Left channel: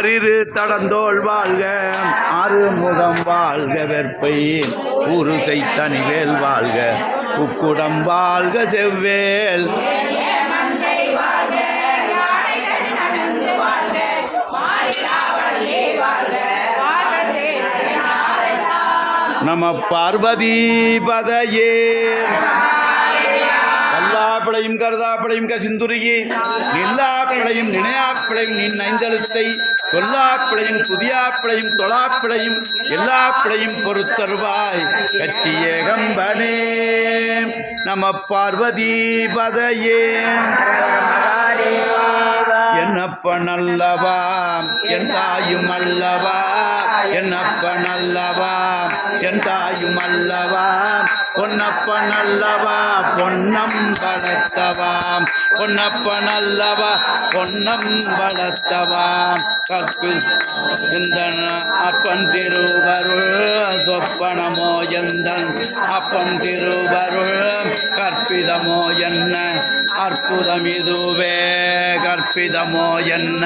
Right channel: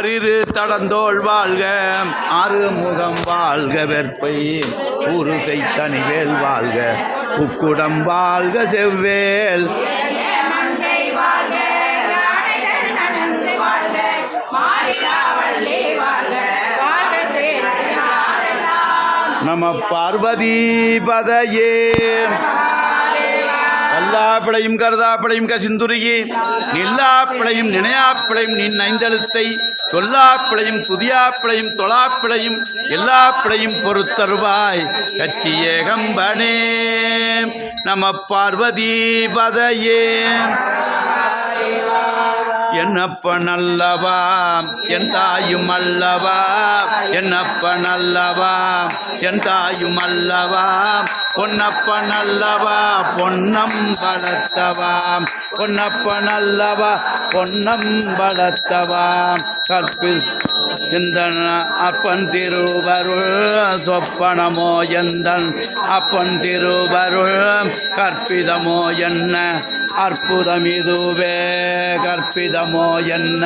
ஆறிரு தடந்தோள் வாழ்க ஆறு முகம் வாழ்க வெற்பை ஊருகை தனிவேல் வாழ்க உக்குடம் வாழ்க செவ்வேல். நம பார்வதி பதையே. கல்லாப்பிளையும் கருதாப்பிளையும் கசிந்துருகி நில்லாப்பிளையும் நினையாப்பிளையும் நின் ஐந்தெழுத்தை சொல்லாப்பிளையும் புதியாப்பிளையும் தொழாப்பிளையும் எல்லாப்பிளையும் பொறுத்தருவாய். கச்சி ஏகம்பனே நம பார்வதி பதையே. என்னப்ப நல்லவா? என் தாயும் அல்லவா? என்னப்ப நல்லவா? என் தாயும் அல்லவா? பொன்னப்ப நல்லவா? பொன்னம் வளர்த்தவா? பொன்னப்ப நல்லவா? பொன்னம் வளர்த்தவா? கற்பில் இந்த அப்பன் திருவருள் சொப்பனமோ எந்தன்? அப்பன் திருவருள் கற்பிதமோ என்ன? அற்புதம் இதுவே கற்பிதமோ என்ன?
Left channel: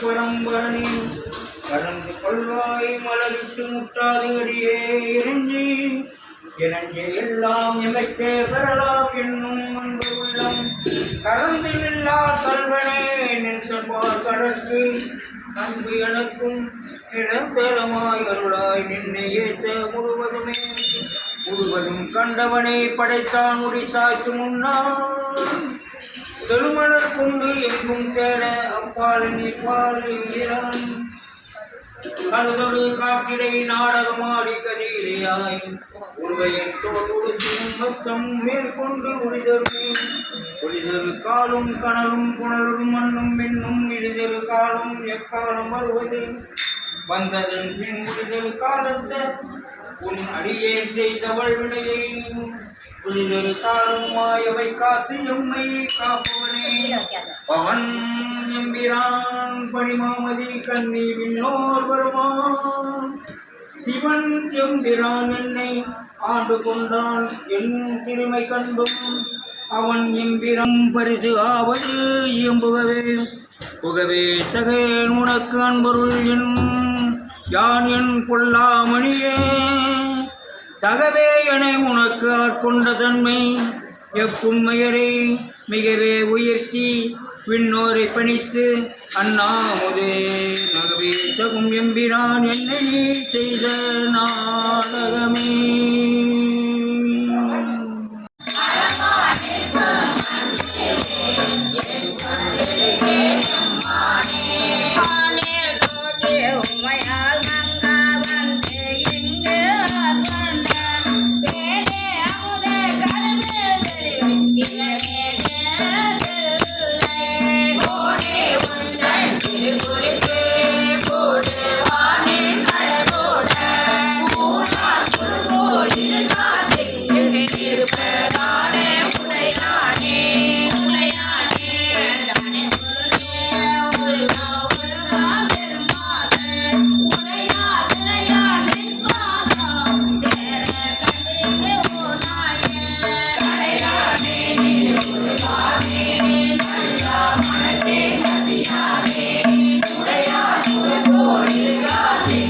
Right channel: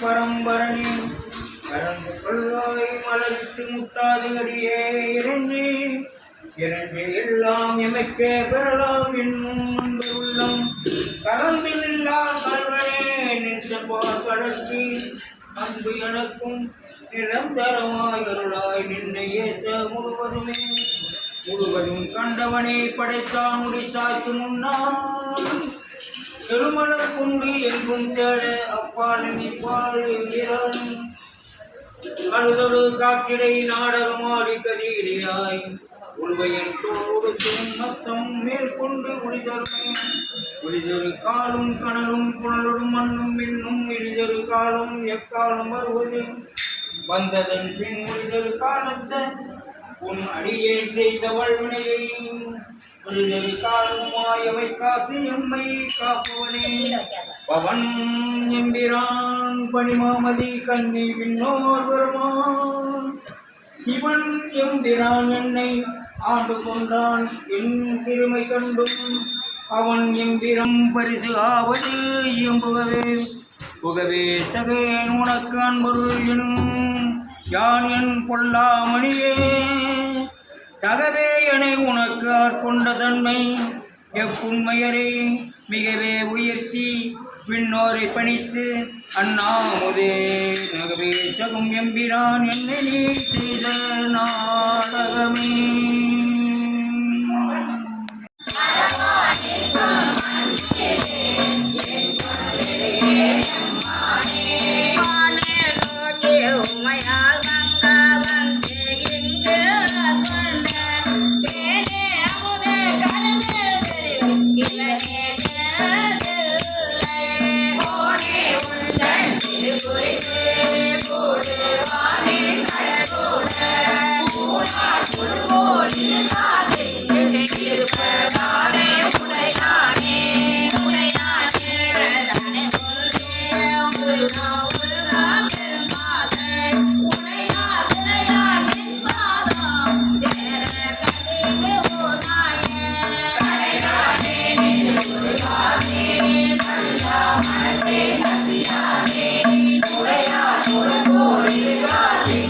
பரம்பரனின் கலந்து கொள்வாய் மலரிட்டு முட்டாது அடியே இறைஞ்சி இறைஞ்சி எல்லாம் எமைக்கே பெறலாம் என்னும் அன்பு உள்ளம் கலந்து இல்லா கல்வனே நின்ற பார் கடற்கு அன்பு எனக்கும் நிரந்தரமாய் அருளாய் நின்னை ஏற்ற முழுவதுமே முழுவதும் கண்டவனை படைத்தான் முடித்தாய்க்கு முன்னான் செழுமலர் குண்டு எங்கும் தேட அப்பாலினை நீ அழுதொரு அழுதொடு காக்கிடை நாடகமாடி கதியிலேயாய். உருவையன் தோளோடு துன்பத்தம் மேற்கொண்டு உளிதருமே உளிதரு காலும் கனலும் புனலும் மண்ணும் மின்னும் இழிதரு காலம் எக்காலம் வருவது? வந்ததன் பின் உளிதரு காலத்தை உன் அடியேன் செய்தவள் வினையை புதிதொரு காலம் மாயவை காத்து எம்மை காப்பவனே. பவன் எம்பிரான் பணிமாமதி கண்ணி விண்ணோர் வருமான் இவன் எம்பிரான் என்னை ஆண்டு கொண்டான். என் திருமை கண்டும் அவன் எம்பிரம் பரிசு ஆவது இயம்புகவே. புகவே தகையன் உனக்கு அன்பொருள் என் யான் என் பொல்லாமணியே? தகவே என உனக்கு ஆட்கொண்ட தன்மை எப்புண்மையரே மிகவே உயர்த்தி விண்ணோரை பணித்து அண்ணாமுதே. நகவே தகும் எம்பிரான் என்னை நீ செய்த நாடகமே. உடையார் உடம்போடு காத்தே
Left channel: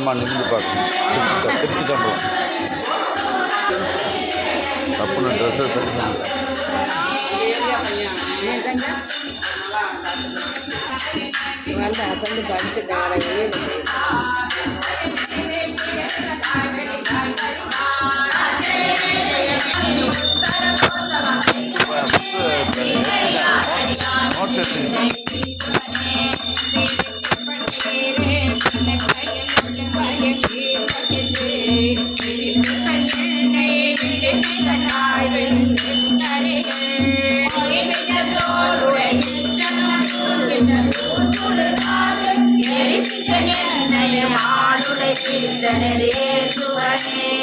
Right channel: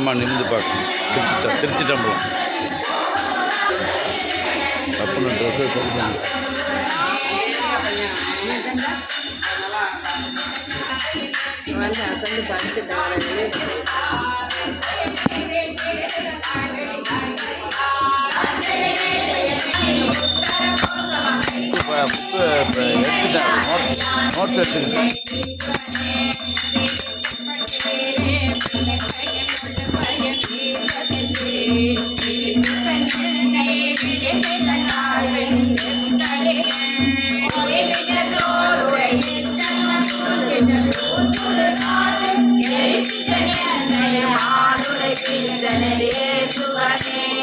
ஆமாம் நிமிந்து பார்க்கணும். திருச்சி திருச்சி டம்பலம் தப்புன ட்ரெஸ்ஸை சரி வந்து அசந்து படித்து தவிர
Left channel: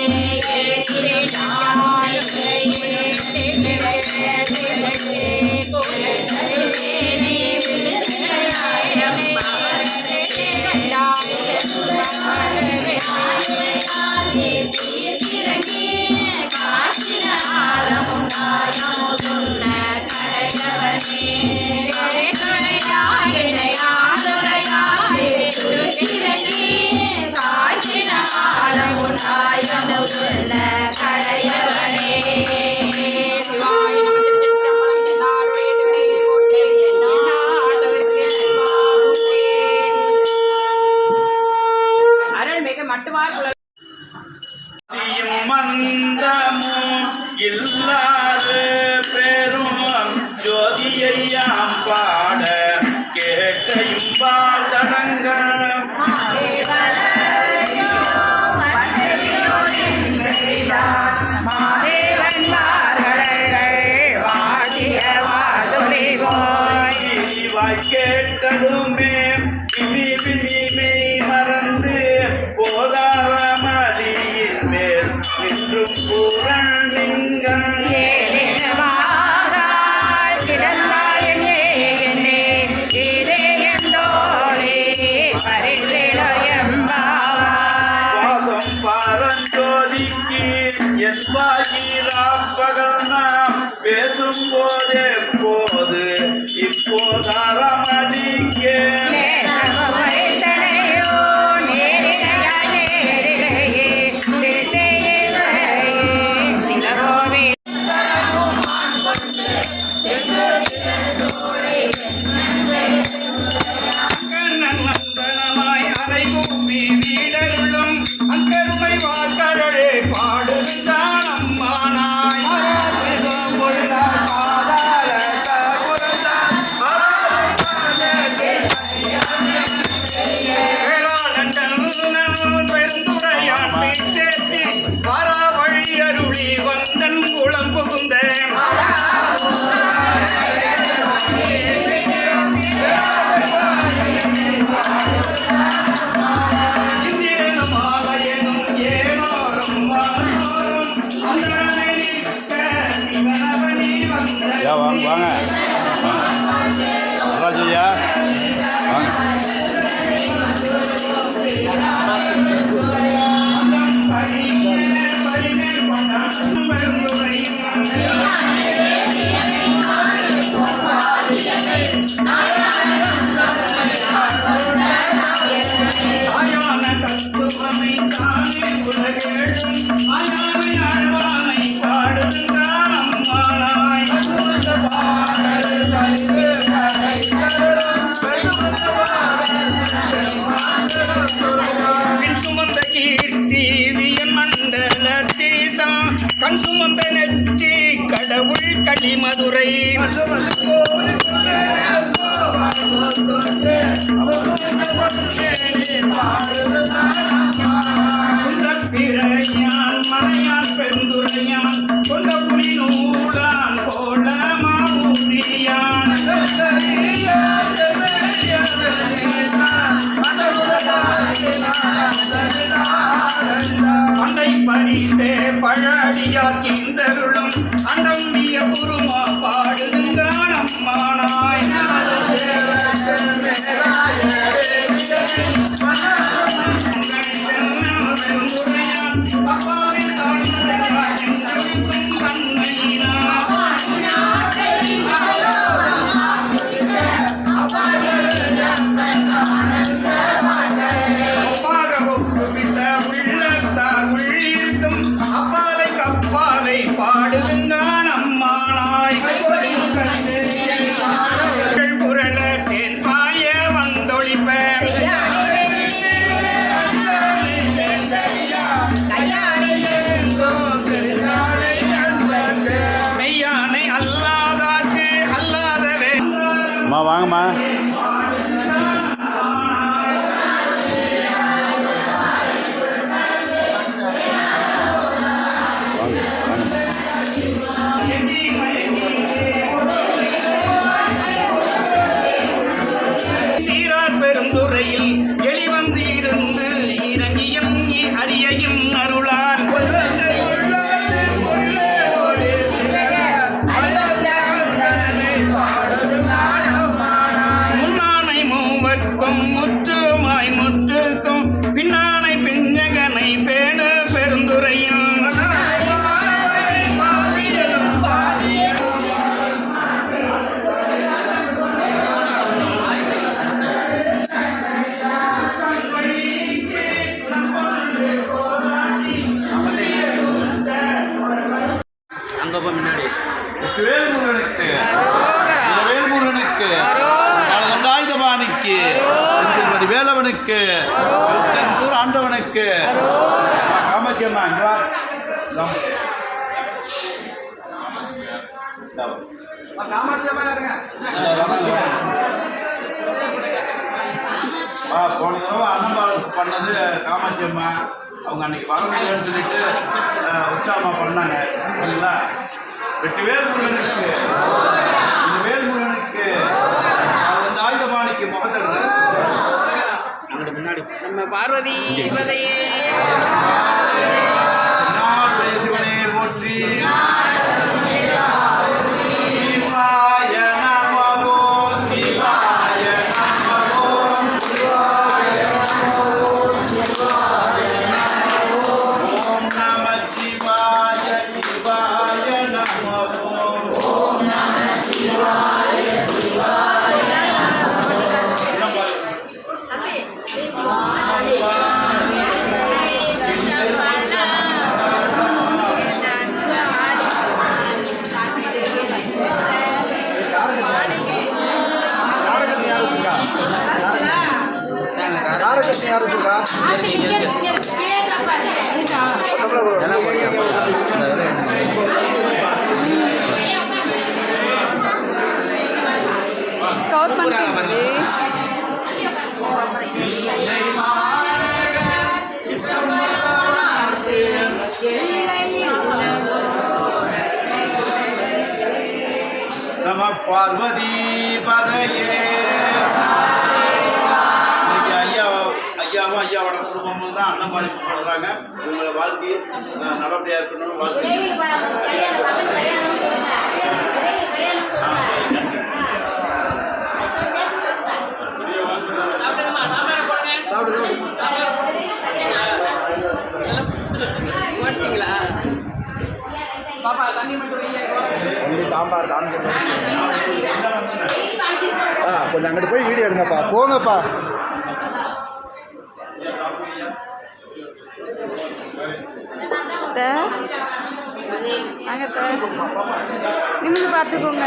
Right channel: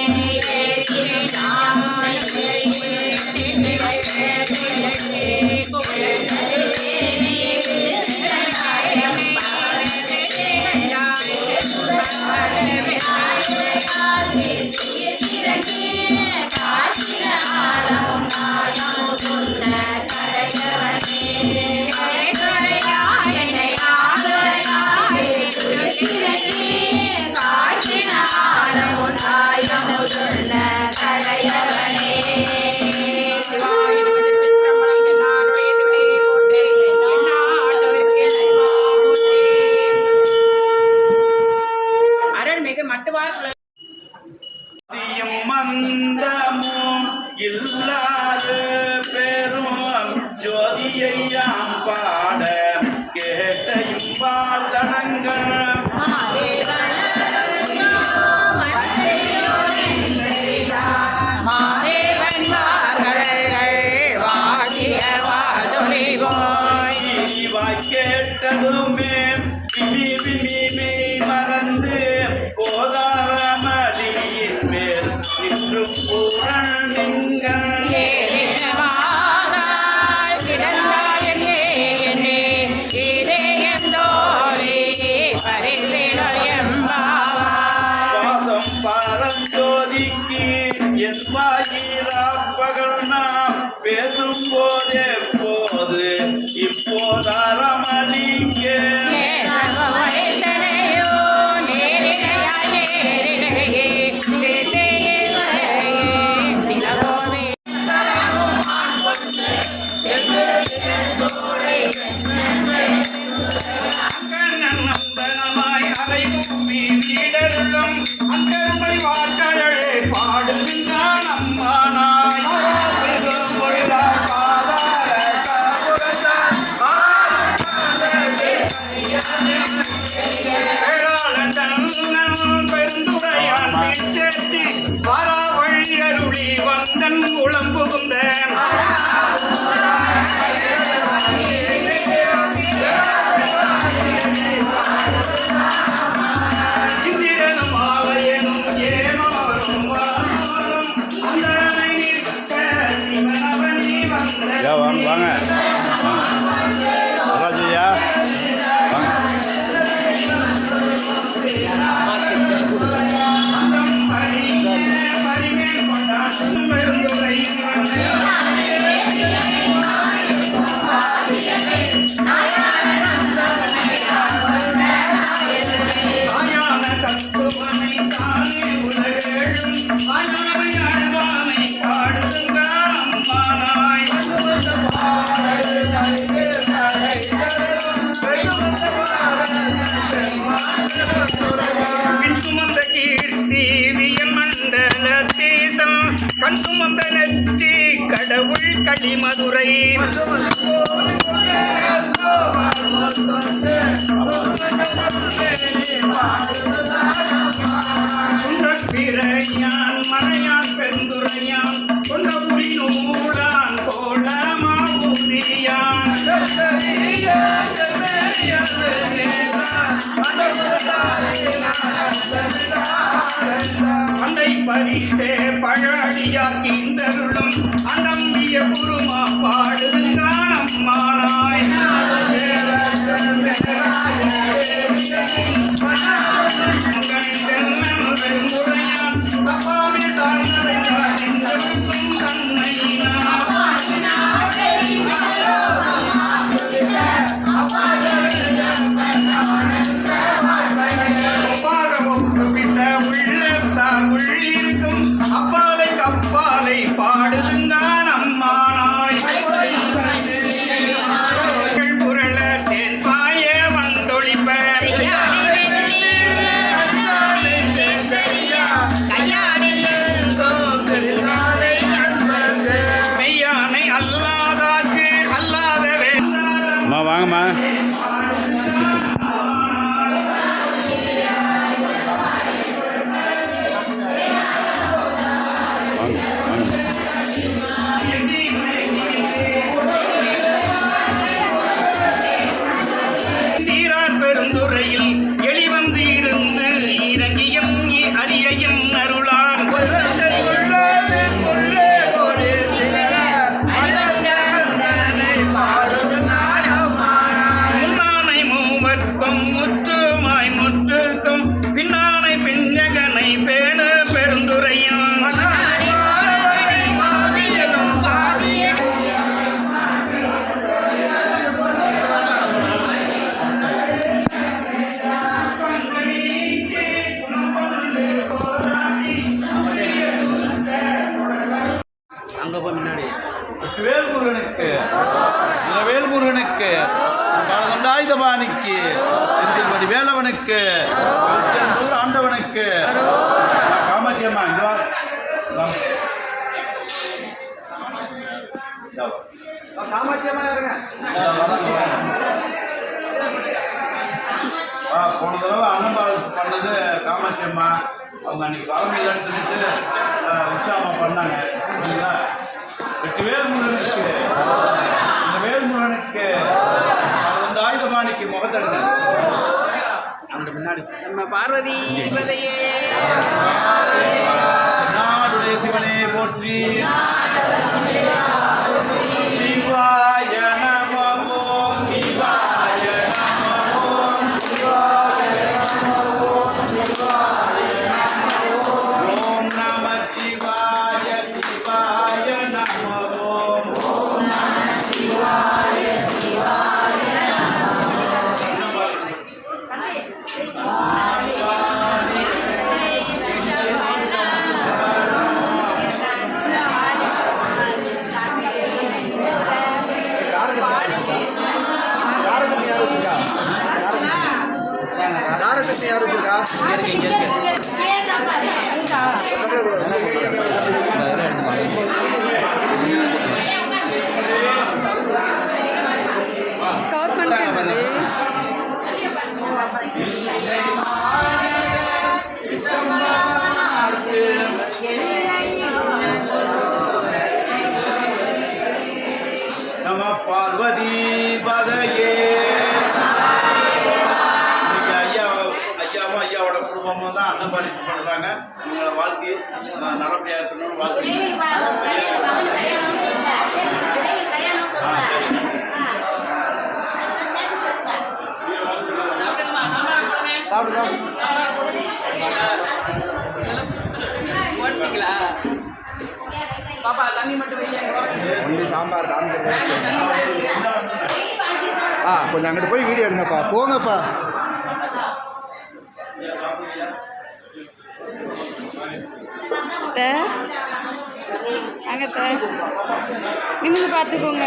Yeah. ஐயா வாங்க. வாங்க. நல்லாச்சு ஐயா வாங்க funny. ஆண்டவனுக்கு திருச்செந்தூர் ஆண்டவனுக்கு. காமாக்கியம்மா இங்க வா. போன தடவை அன்னபால் பண்ணது காமாட்சியம்மா அவங்க அன்னைக்கு வர முடியலன்னு சொல்லிட்டு உற்சாகமா பண்ணாங்க. சரிங்களா? வெற்றி பேர் முருகனுக்கு பாடு நம்ம பார்வதி பதையே போற்றி பாப்பா தண்ணி மட்டும் சாம்பார் காமிக்கிறேன் ஆ கொஞ்சம் அங்கிட்டு போய் வீடியோ எடுங்கப்பா. போங்கப்பா. அத்தை. நிமிந்து பார்த்துக்கோங்க.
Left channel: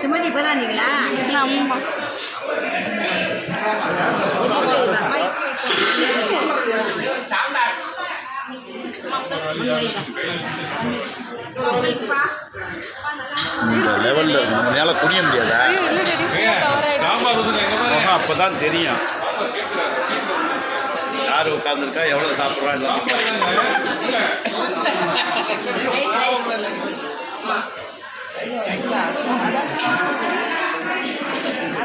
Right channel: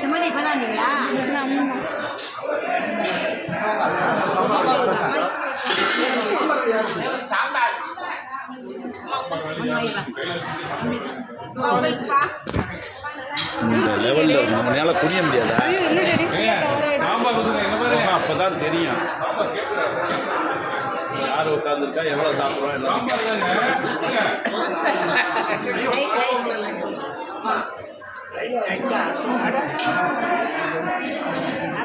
சுமதி இப்பதான் வந்தீங்களா அம்மா இந்த லெவலில் நம்மளால குனிய முடியாதா? அப்போ தான் தெரியும். யார் உட்காந்துருக்கா எவ்வளோ சாப்பிட்றா? எல்லாத்தையும்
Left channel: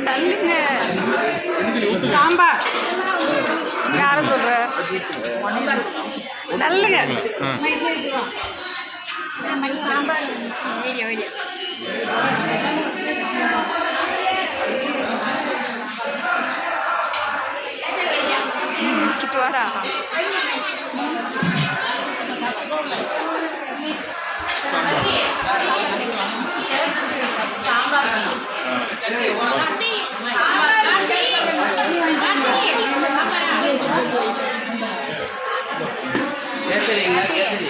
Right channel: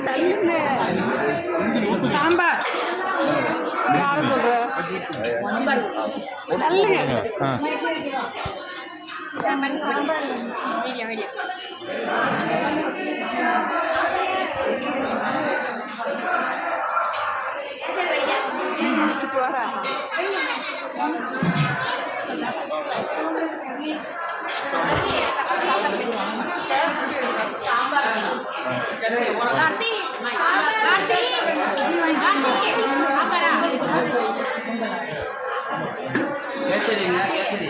தள்ளுங்க சாம்பார். யார சொல்ற? தள்ளுங்க. சாம்பார் வீடியோ கேசரிங்க கேசரி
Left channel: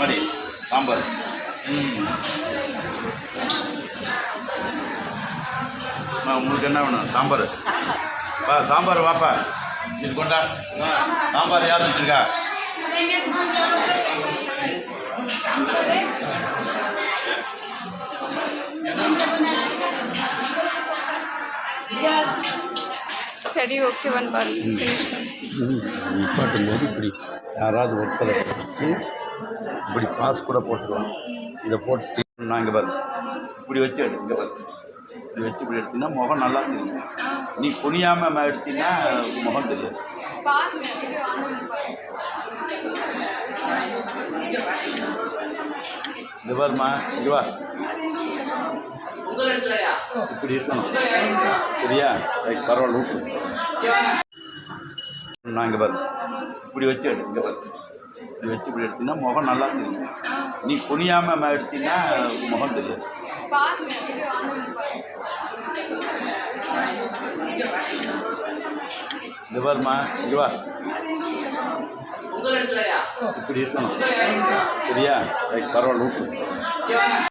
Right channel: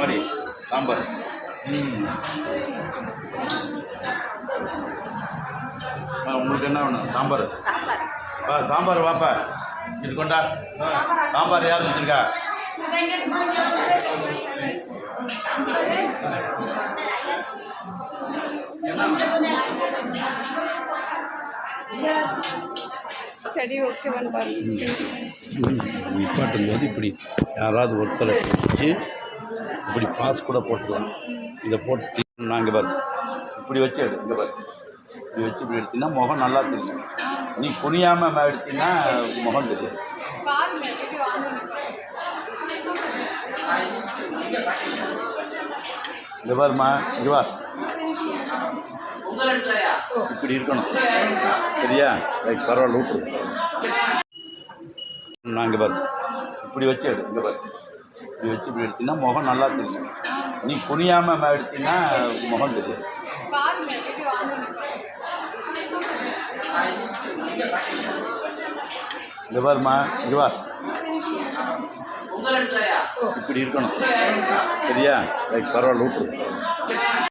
மாதிரி சாம்பார். உங்களுக்கு என்ன வேணும்? சாம்பார். வா சாம்பார் வாப்பா. இது கொண்டா. சாம்பார் யார் வச்சுருக்கா? செடி ஓகேவான்னு பாருங்க. நிப்பாட்டும் போது இப்படி யாராவது ஒருத்தரை வச்சு இப்படி பாஸ் கூட போட்டுக்கலாம். இதை போட்டு நான் இங்கே பாரு. இப்படி வச்சு எடு இங்கே பாரு. இப்படி வச்சு இப்படி எடுத்தீங்கன்னா முகம் நல்லா தெரியும். நீ குனியாமல் எடுத்தீங்கன்னா முகம் தெரியும் இந்த பாருமா இங்கே வா. இப்படி இருக்கணும். சரியா? ரைட் பரவாயில்ல விட்டு நான் இங்கே பாரு. இப்படி வச்சு எடு இங்கே பாரு. இப்படி வச்சு இப்படி எடுத்தீங்கன்னா முகம் நல்லா தெரியும். நீ குனியாமல் எடுத்தீங்கன்னா முகம் தெரியும் இங்க பாருமா இங்க வா. இப்படி இருக்கணும். சரியா? பரவாயில்ல விட்டு